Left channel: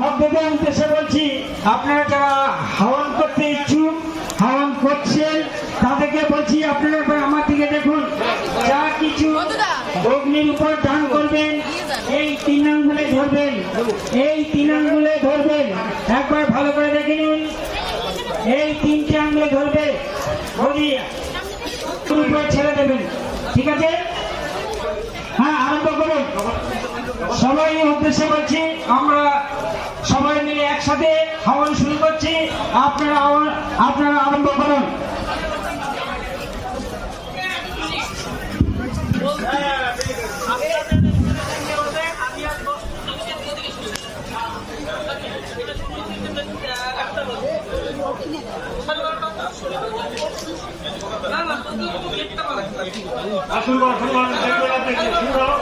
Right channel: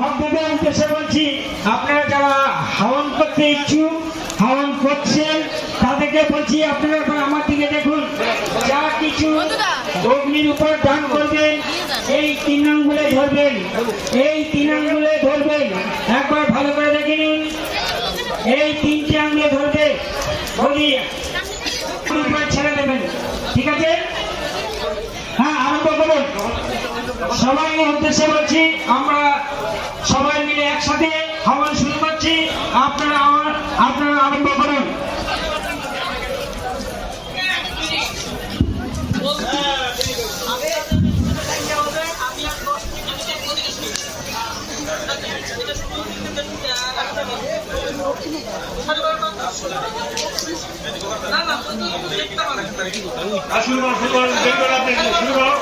ভক্তদের উদ্দেশ্যে বলছি, আপনারা যারা হাওয়ান করতে ইচ্ছুক, হাওয়ান করছেন, তাদেরকে বলছি আপনারা একবার আমার দিকে দেখুন। যা কিছু অগ্নির উপর দান করবেন এই 3 আঙ্গুলে ধরবেন, এই 3 আঙ্গুলে ধরবেন। একবার ভালো করে দেখে নিন, এই 3টে আঙ্গুলে ধরবে, বলি উপরে ছেড়ে দেবেন। ঠিক আছে? হ্যাঁ, আরম্ভ করুন। সবাই উদ্দেশ্যে বলছি, আমরা সবাই মিলে একসাথে হাওয়ান শুরু করছি। আপনারা আরম্ভ করুন। শুরু করো,